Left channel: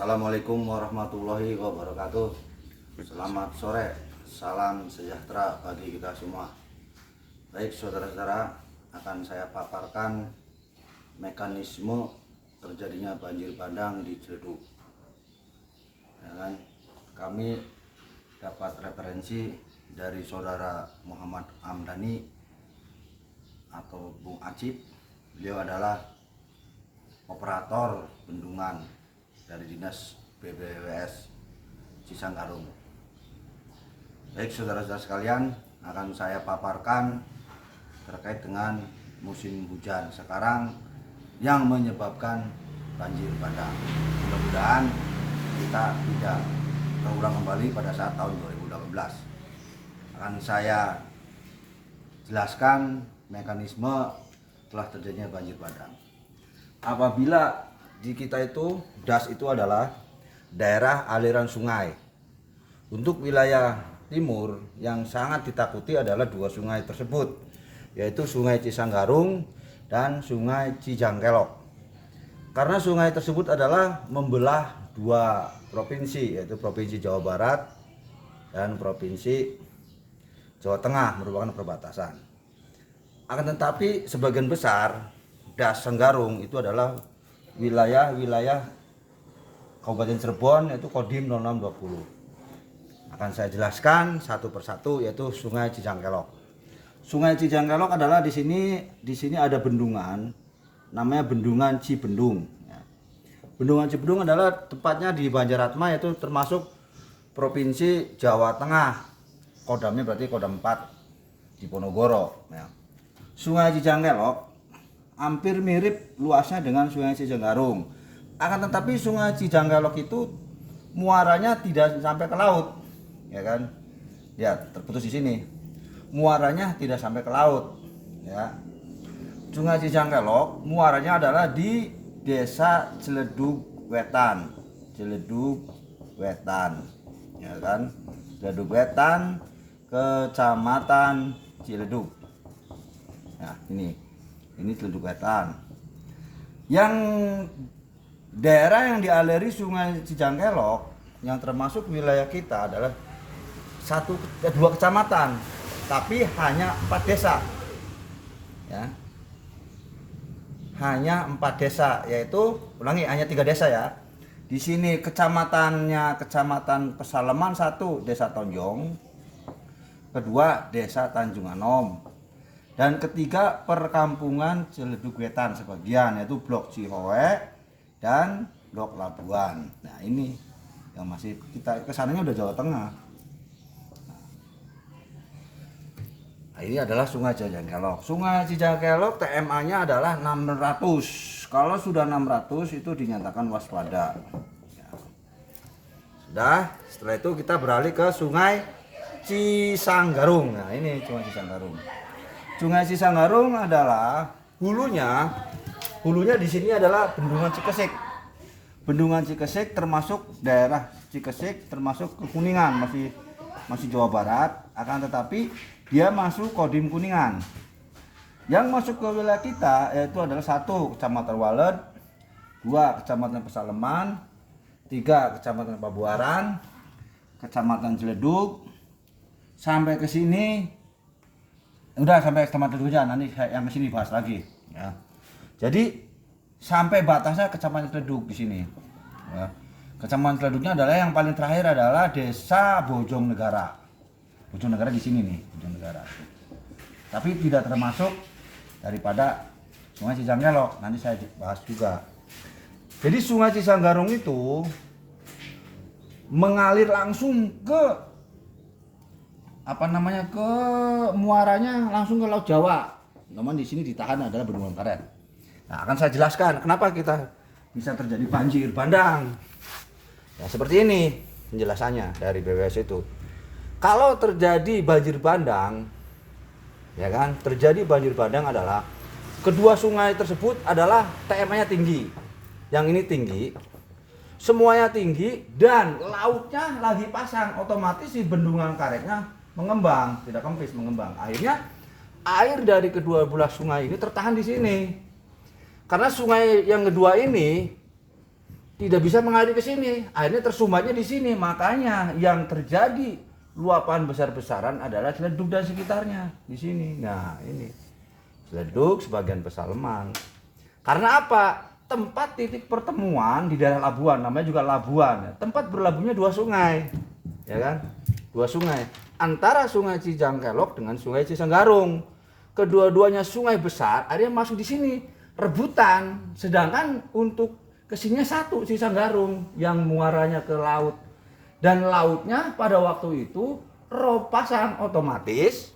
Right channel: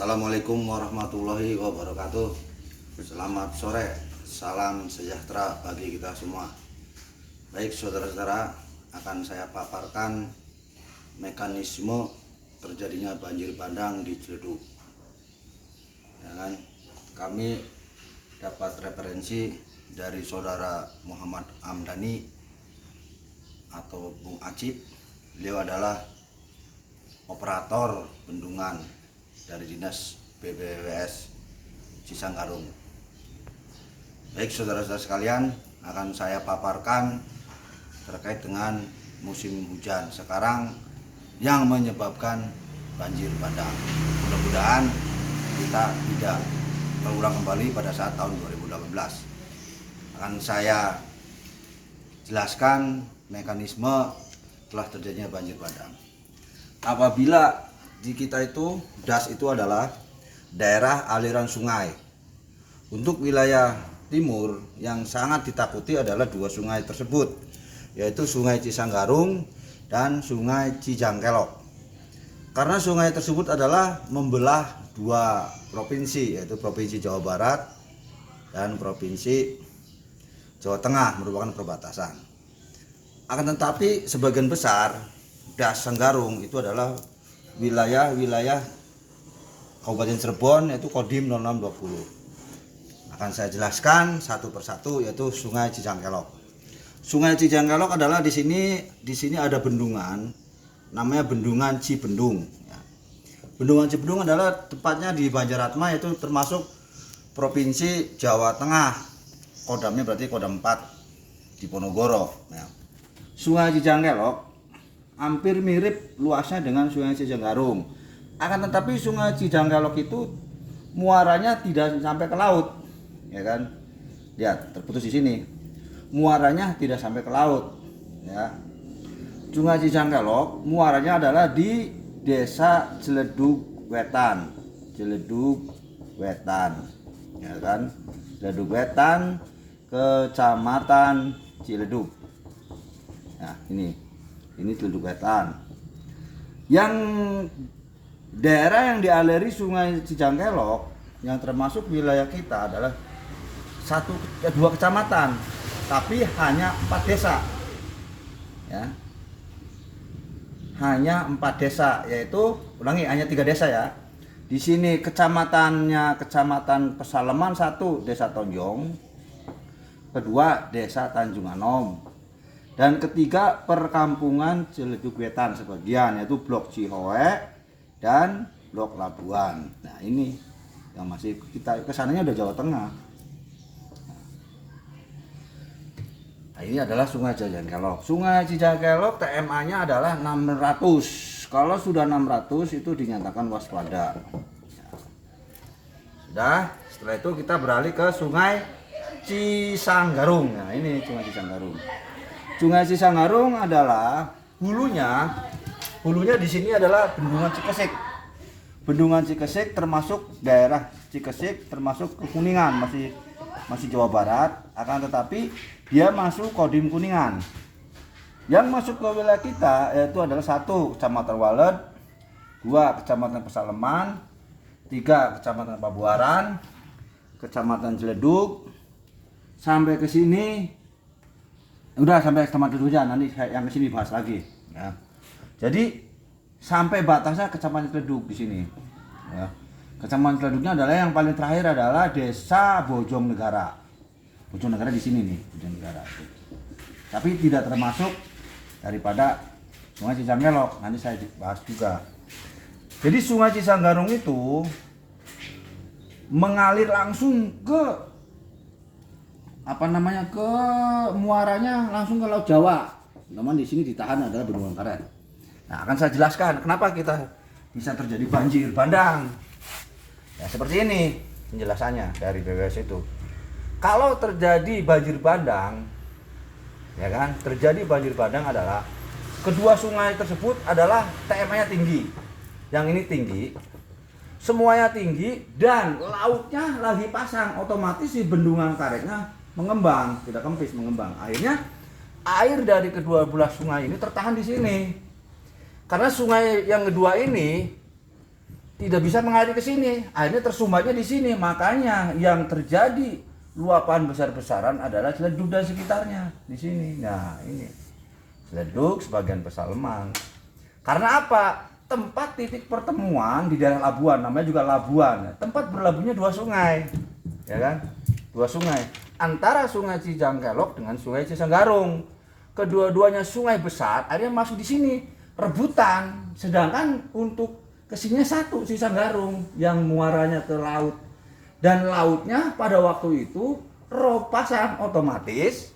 Assalamualaikum warahmatullahi wabarakatuh. Selamat sore, salam sejahtera bagi kita semua. Baik saudara-saudara, akan saya paparkan mekanisme terjadinya banjir bandang di Ciledug. Ya kan? Kami dapat referensi dari saudara Muhammad Amdani atau Bung Acip. Beliau adalah operator bendungan dari Dinas BPWS Cisanggarung. Baik saudara-saudara sekalian, akan saya paparkan terkait dengan musim hujan sekarang yang menyebabkan banjir bandang. Mudah-mudahan kita tidak terulang kembali pada saat tahun 2018. Akan saya jelaskan mekanisme telah terjadinya banjir bandang. Apabila di kita itu DAS itu adalah daerah aliran sungai. Untuk wilayah timur yang sangat ditakuti adalah dua sungai tersebut, yaitu Sungai Cisanggarung dan Sungai Cijangkelok. Karena sungai tersebut adalah membelah dua provinsi, yaitu Provinsi Jawa Barat dan Provinsi Jawa Tengah, merupakan perbatasan. Akan tetapi sebagian besar DAS Sanggarung itu adalah wilayah Kabupaten Cirebon, yaitu Kodim 0620. Akan saya jelaskan satu persatu, yaitu Sungai Cijangkelok. Sungai Cijangkelok adalah di sini ada bendungan, namanya Bendungan Cibendung. Bendungan Cibendung adalah tepatnya di Banjaratma, yaitu termasuk Provinsi Jawa Tengah. Kodamnya berarti Kodam 4 di Ponorogo. Sungai Cijangkelok hampir mirip luasnya dengan Sungai Cijanggarung. Akan tetapi Sungai Cijangkelok itu muaranya tidak sampai ke laut, ya kan? Lihat, terputus di sini. Muaranya tidak sampai ke laut, ya. Sungai Cijangkelok muaranya adalah di Desa Ciledug Wetan. Ciledug Wetan, ya kan? Ciledug Wetan, Kecamatan Ciledug. Nah, ini Ciledug Wetan. Yang daerah yang dialiri Sungai Cijangkelok yang termasuk wilayah kita adalah dua kecamatan, tapi hanya 4 desa. Ya. Hanya 4 desa, yaitu hanya 3 desa ya. Di sini kecamatannya Kecamatan Pesaleman 1, Desa Tonjong. Kedua, Desa Tanjung Anom. Dan ketiga, perkampungan Ciledug Wetan sebagian, yaitu Blok Cihoe dan Blok Labuan. Nah, ini yang masih kita kesananya udah Jawa Tengah. Nah, ini adalah Sungai Cijangkelok. Sungai Cijangkelok TMA-nya adalah 600. Kalau sudah 600 itu dinyatakan waspada. Sudah, setelah itu kita beralih ke Sungai Cisanggarung. Nah, ini Sungai Cisanggarung. Sungai Cisanggarung adalah hulunya di sini adalah Bendungan Cikesik. Bendungan Cikesik termasuk daerah Cikesik, termasuk ke Kuningan, masih Jawa Barat, akan tetapi dia masuk Kodim Kuningan. Yang masuk ke wilayah kita yaitu adalah 1 Kecamatan Walet, 2 Kecamatan Pesaleman, 3 Kecamatan Pabuaran, Kecamatan Ciledug, sampai ke sini. Udah sampai Kecamatan Hujan, nanti yang ke sini bahas lagi ya. Jadi sampai batasnya Kecamatan Ciledug di sini. Ya. Kecamatan Ciledugnya adalah yang paling terakhir adalah Desa Bojonegara. Bojonegara di sini nih, Bojonegara. Tapi tidak termasuk daripada Sungai Cijangkelok, nanti saya bahas juga. Jadi Sungai Cisanggarung itu mengalir langsung ke ke muaranya langsung ke Laut Jawa. Namun di sini ditahan adalah Bendungan Karet. Nah, akan saya jelaskan kenapa kita bisa terjadi banjir bandang. Ya, seperti ini penjelasannya dari BWS itu. Kalau terjadi banjir bandang, ya kan? Terjadi banjir bandang adalah kedua sungai tersebut adalah TMA-nya tinggi. Yang ini tinggi, semuanya tinggi dan lautnya lagi pasang, otomatis si Bendungan Karetnya mengembang, tidak kempis, mengembang. Akhirnya air dari kedua belah sungai ini tertahan di sini. Karena sungai yang kedua ini tidak bisa mengalir ke sini, akhirnya tersumbatnya di sini. Makanya yang terjadi luapan besar-besaran adalah Ciledug dan sekitarnya di sini. Nah, ini Ciledug sebagian besar Lemang. Karena apa? Tempat titik pertemuan di daerah Labuan, namanya juga Labuan. Tempat berlabuhnya dua sungai, ya kan? Dua sungai antara Sungai Cijangkelok dengan Sungai Cisanggarung. Kedua-duanya sungai besar, akhirnya masuk di sini rebutan. Sedangkan untuk kesininya satu Cisanggarung yang muaranya ke laut, dan lautnya pada waktu itu rob pasang, otomatis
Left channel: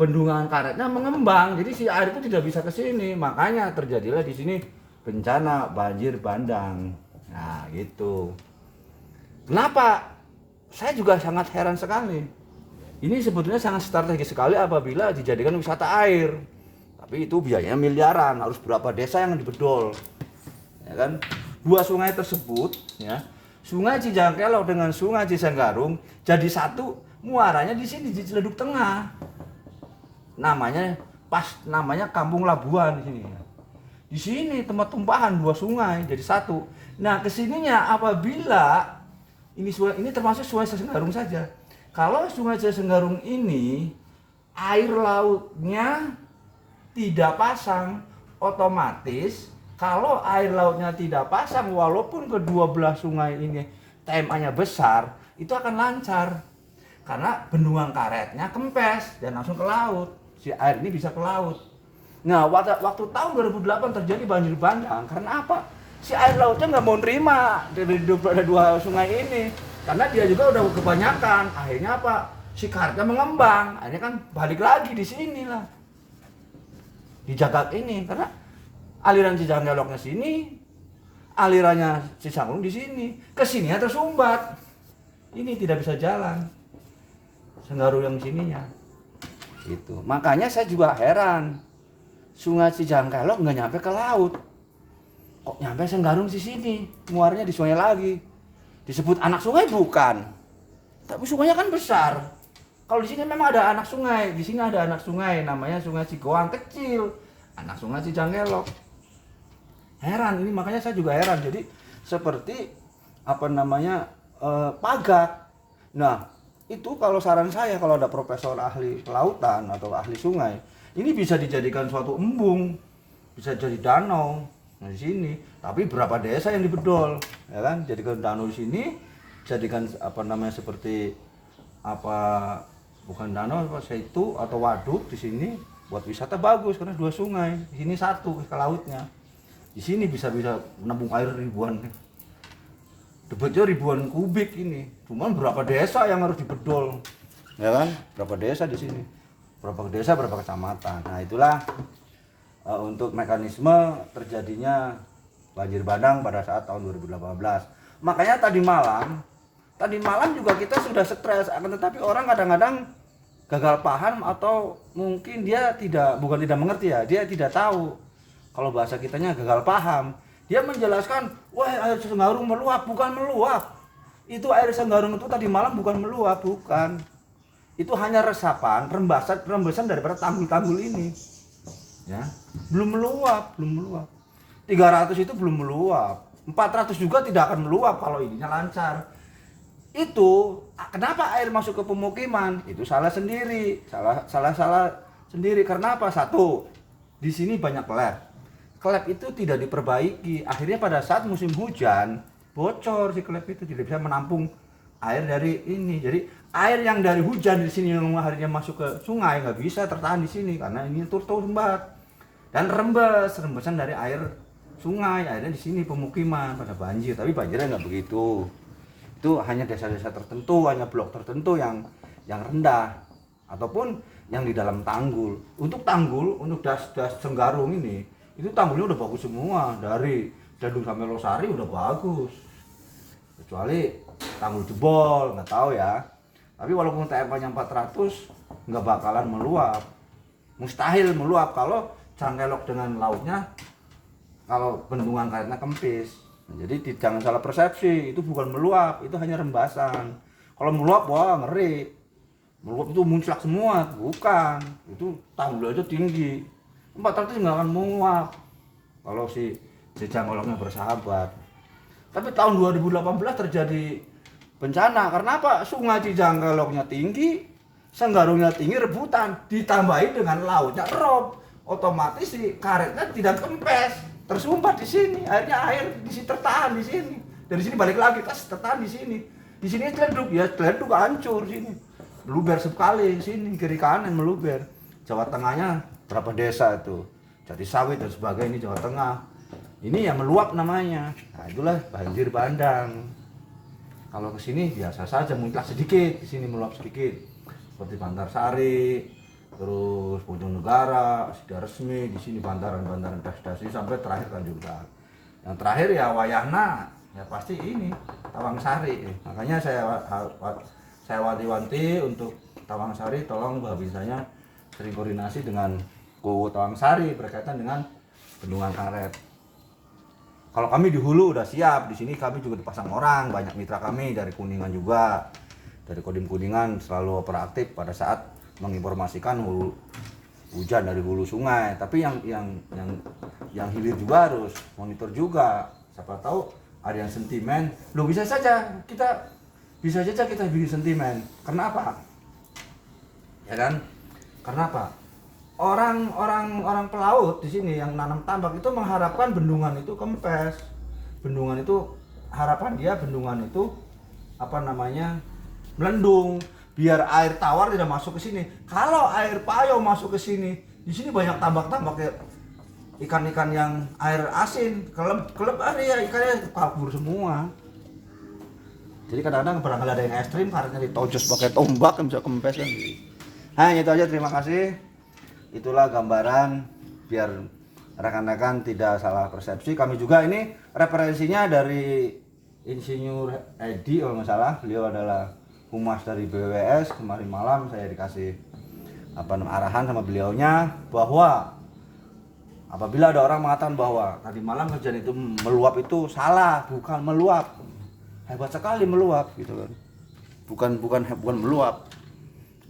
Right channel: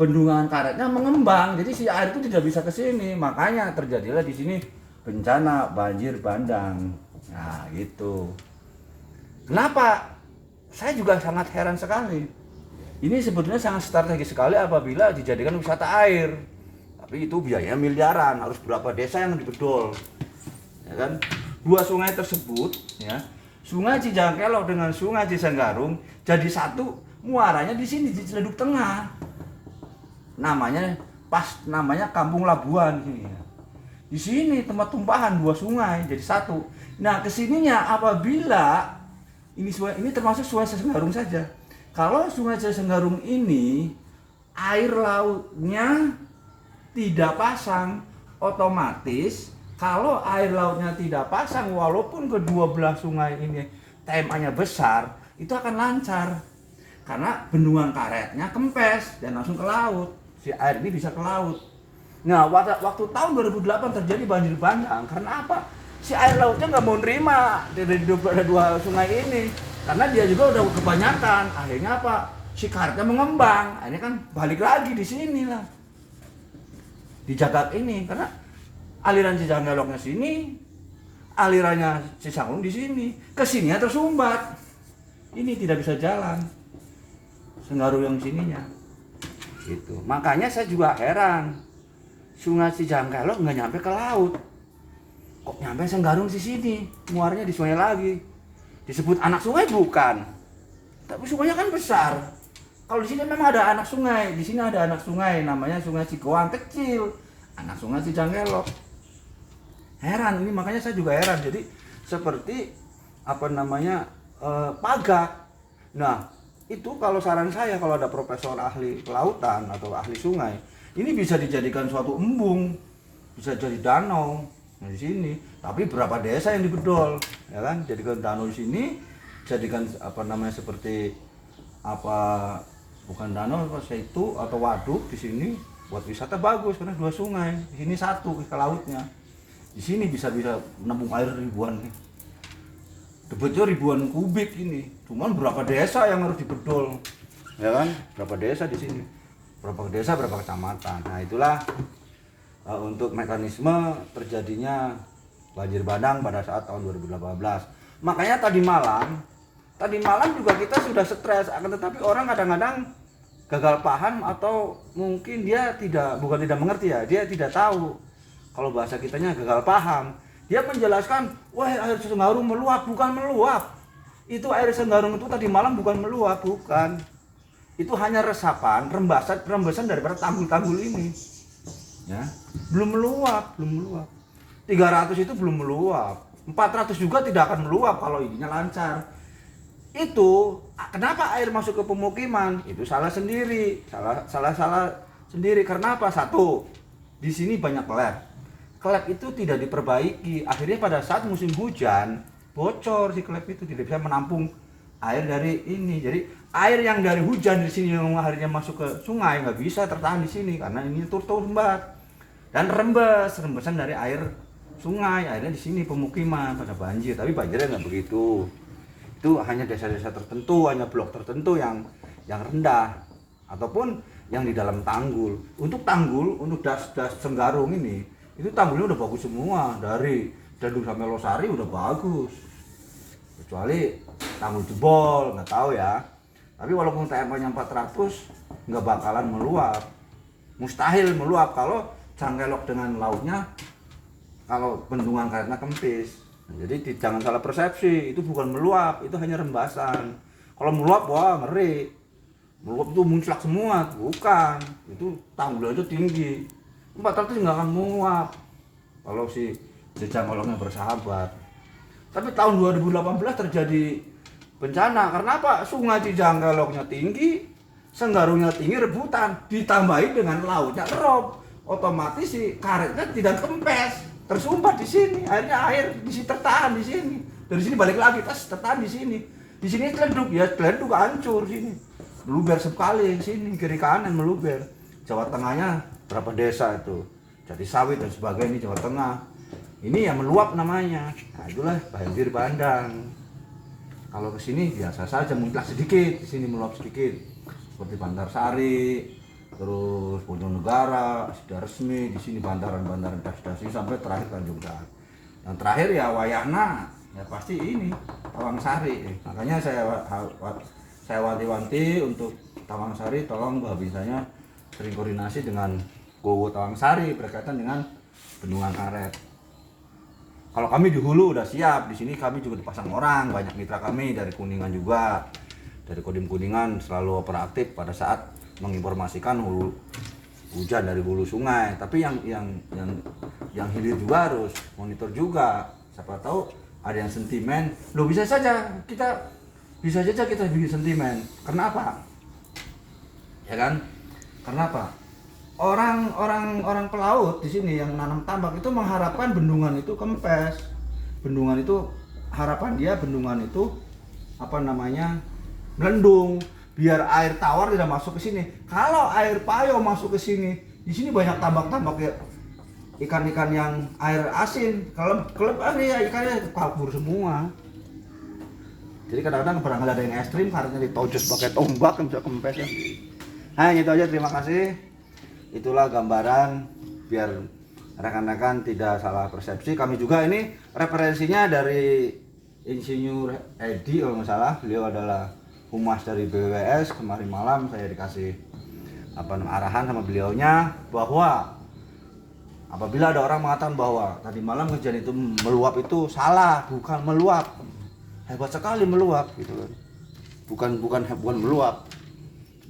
bendungan karetnya mengembang, jadi si air itu tidak bisa ke sini. Makanya terjadilah di sini bencana banjir bandang. Nah gitu. Kenapa? Saya juga sangat heran sekali. Ini sebetulnya sangat strategis sekali apabila dijadikan wisata air. Tapi itu biayanya miliaran, harus berapa desa yang dibedol, ya kan? Dua sungai tersebut, ya, Sungai Cijangkelok dengan Sungai Cisanggarung jadi satu, muaranya di sini di Ciledug Tengah. Namanya Kampung Labuan di sini. Di sini tempat tumpahan dua sungai jadi satu. Nah, kesininya apabila ini termasuk Sungai Cisanggarung saja. Kalau Sungai Cisanggarung ini air lautnya tidak pasang, otomatis kalau air lautnya tidak pasang, walaupun kedua belah sungai ini TMA-nya besar, itu akan lancar karena bendungan karetnya kempes dan langsung ke laut. Si air ini bisa ke laut. Nah, waktu tahun 2008 terjadi banjir bandang karena apa? Si air lautnya nggak mau nerima dari dua sungai ini, karena dia juga udah kebanyakan. Akhirnya apa? Si karetnya mengembang. Akhirnya kan balik lagi di sini lah, di jagat ini, karena aliran Cijangkeloknya sini, alirannya Cisanggarung di sini, kesininya tersumbat. Ini tidak bisa jalan, Senggarung yang sininya. Gitu. Makanya saya juga heran, Sungai Cijangkelok nggak nyampe ke laut, kok nyampe Senggarung di sini, muarnya di sungai lagi. Disebut anak sungai bukan, tapi sungainya kan besar. Kalau di sini memang ada anak sungai, di sini ada anak sungai, namanya Sungai Cigoang kecil, anak Sungai Cijangkelok. Heran ini, makanya saya juga heran. Jadi seperti pagak. Nah, itu kalau saran saya, kalau ada profesor ahli kelautan atau ahli sungai, ini bisa dijadikan suatu embung, bisa jadi danau. Nah, di sini, tapi berapa desa yang dibedol, ya kan? Jadikan danau di sini, jadikan seperti bukan danau, itu atau waduk di sini buat wisata bagus karena dua sungai. Di sini satu ke lautnya. Di sini bisa menampung air ribuan. Debetnya ribuan kubik ini. Cuman berapa desa yang harus dibedol, ya kan? Berapa desa di sini? Berapa desa, berapa kecamatan. Nah, itulah untuk mekanisme terjadinya banjir bandang pada saat tahun 2018. Makanya tadi malam juga kita sudah stres, akan tetapi orang kadang-kadang gagal paham atau mungkin dia bukan tidak mengerti ya, dia tidak tahu. Kalau bahasa kitanya gagal paham. Dia menjelaskan, wah air Senggarung meluap, bukan meluap. Itu air Senggarung itu tadi malam bukan meluap, bukan. Itu hanya resapan, rembesan daripada tanggul-tanggul ini. Ya, belum meluap. 300 itu belum meluap. 400 juga tidak akan meluap kalau ininya lancar. Itu kenapa air masuk ke pemukiman? Itu salah sendiri. Salah sendiri. Karena apa? Satu, di sini banyak klep itu tidak diperbaiki. Akhirnya pada saat musim hujan bocor, si klep itu tidak bisa menampung air dari ini. Jadi air yang dari hujan di sini yang akhirnya masuk ke sungai nggak bisa tertahan di sini karena ini turut-turut dan rembesan dari air sungai. Akhirnya di sini pemukiman pada banjir, tapi banjirnya nggak begitu. Itu hanya desa-desa tertentu, hanya blok tertentu yang rendah ataupun yang di dalam tanggul. Untuk das Senggarung ini, itu tanggulnya udah bagus semua, dari Ciledug sampai Losari udah bagus. Kecuali tanggul jebol, nggak tahu ya. Tapi walaupun TMK-nya 400 nggak bakalan meluap. Mustahil meluap kalau Cangkelok dengan lautnya, kalau bendungan karetnya kempis. Jadi jangan salah persepsi, itu bukan meluap, itu hanya rembasan. Kalau meluap, wah ngeri. Meluap itu munclak semua, bukan. Itu tanggul aja tinggi. 400 nggak akan menguap. Kalau si Cijanggolongnya bersahabat. Tapi tahun 2018 terjadi bencana. Karena apa? Sungai Cijanggolongnya tinggi, Senggarungnya tinggi, rebutan, ditambahi dengan lautnya rob, otomatis si karetnya tidak kempes, tersumbat di sini. Akhirnya air di sini tertahan di sini. Dari sini balik lagi, tertahan di sini. Di sini celeduk, ya celeduk hancur sini. Meluber sekali sini, kiri kanan meluber. Jawa Tengahnya berapa desa itu? Jadi sawit dan sebagainya, ini Jawa Tengah. Ini yang meluap namanya. Nah, itulah banjir bandang. Kalau ke sini biasa saja, muncul sedikit, di sini meluap sedikit. Seperti Bantarsari, terus Bojonegara, sudah resmi di sini bantaran-bantaran das-das ini sampai terakhir Tanjung. Yang terakhir ya Wayahna, ya pasti ini Tawangsari. Makanya saya wanti-wanti untuk Tawangsari, tolong bisanya sering koordinasi dengan Gowo Tawangsari berkaitan dengan bendungan karet. Kalau kami di hulu udah siap, di sini kami juga dipasang orang, banyak mitra kami dari Kuningan juga. Dari Kodim Kuningan selalu operatif pada saat menginformasikan hujan dari hulu sungai. Tapi yang hilir juga harus monitor juga. Siapa tahu ada yang sentimen. Loh bisa saja kita bikin sentimen. Kenapa? Ya kan? Kenapa? Orang pelaut di sini yang nanam tambak itu mengharapkan bendungan itu kempes. Bendungan itu harapan dia bendungan itu melendung biar air tawar tidak masuk ke sini. Kalau air payo masuk ke sini, di sini banyak tambak-tambak ikan-ikan yang air asin, kelep ya ikannya kabur semua. Jadi kadang-kadang barangkali ada yang ekstrim karetnya ditojos pakai tombak yang bisa kempes ya. Nah itu aja, terima kasih. Itulah gambaran biar rekan-rekan tidak salah persepsi. Kami juga ini referensinya dari Insinyur Edi kalau nggak salah, beliau adalah humas dari BWS. Kemarin malam saya dikasih arahan sama beliaunya bahwa apabila ada orang mengatakan bahwa tadi malam kejadian itu meluap, itu salah, bukan meluap. Hebat sekali meluap gitu kan. Bukan meluap.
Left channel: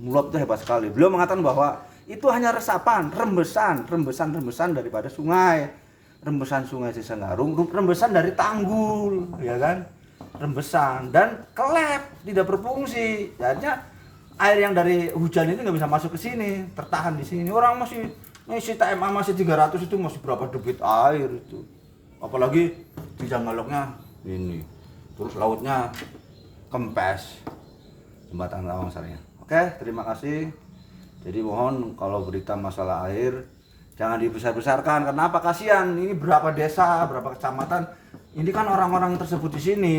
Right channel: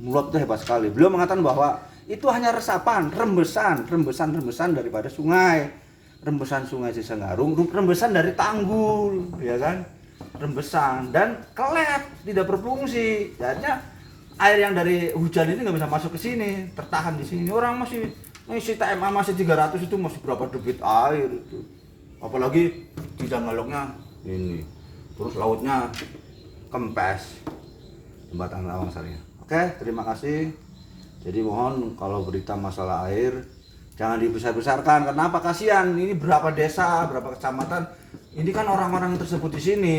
Meluap itu hebat sekali. Beliau mengatakan bahwa itu hanya resapan, rembesan daripada sungai. Rembesan sungai Cisanggarung, rembesan dari tanggul, ya kan? Rembesan dan kelep, tidak berfungsi. Jadinya air yang dari hujan ini nggak bisa masuk ke sini, tertahan di sini. Orang masih ngisi TMA masih 300 itu masih berapa debit air itu. Apalagi di Cijanggolongnya ini. Terus lautnya kempes. Jembatan Tawangsari. Oke, terima kasih. Jadi mohon kalau berita masalah air jangan dibesar-besarkan. Kenapa? Kasihan. Ini berapa desa, berapa kecamatan. Ini kan orang-orang tersebut di sini,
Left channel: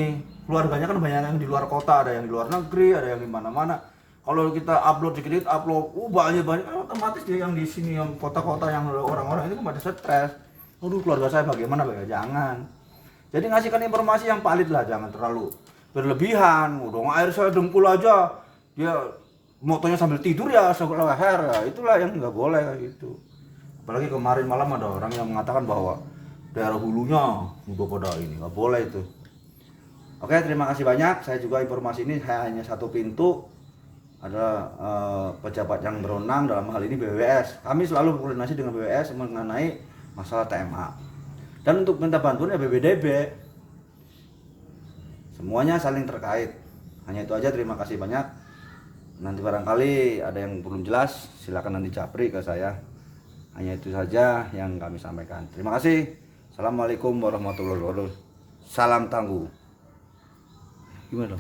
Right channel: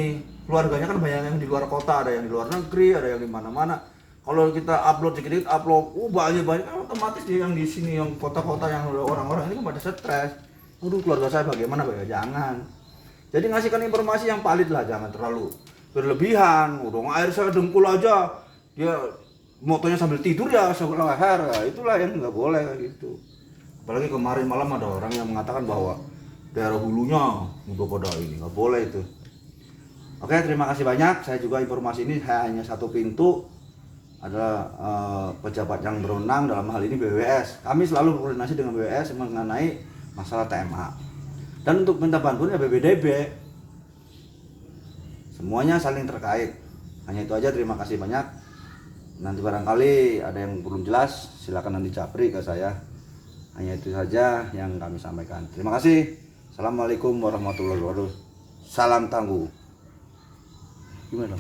keluarganya kan banyak yang di luar kota, ada yang di luar negeri, ada yang di mana-mana. Kalau kita upload sedikit, banyak otomatis dia yang di sini, yang kota-kota yang orang-orang ini kan pada stres. Waduh, keluarga saya bagaimana? Jangan. Jadi ngasihkan informasi yang valid lah, jangan terlalu berlebihan. Udah air saya dengkul aja, dia motonya sambil tidur ya, sambil leher. Ya, itulah yang nggak boleh gitu. Apalagi kemarin malam ada orang yang mengatakan bahwa daerah hulunya udah pada ini, nggak boleh itu. Oke, terima kasih banyak. Saya juga informasi ini hanya satu pintu, ada pejabat yang berwenang dalam hal ini BWS. Kami selalu berkoordinasi dengan BWS mengenai masalah TMA. Dan untuk minta bantuan ya BBDB. Semuanya saling terkait. Hanya itu aja, terima kasih banyak. Nanti barangkali ada yang belum jelas, silakan nanti japri ke saya. Hanya itu saja yang kami sampaikan. Terima kasih. Assalamualaikum warahmatullahi wabarakatuh. Salam tangguh. Gimana?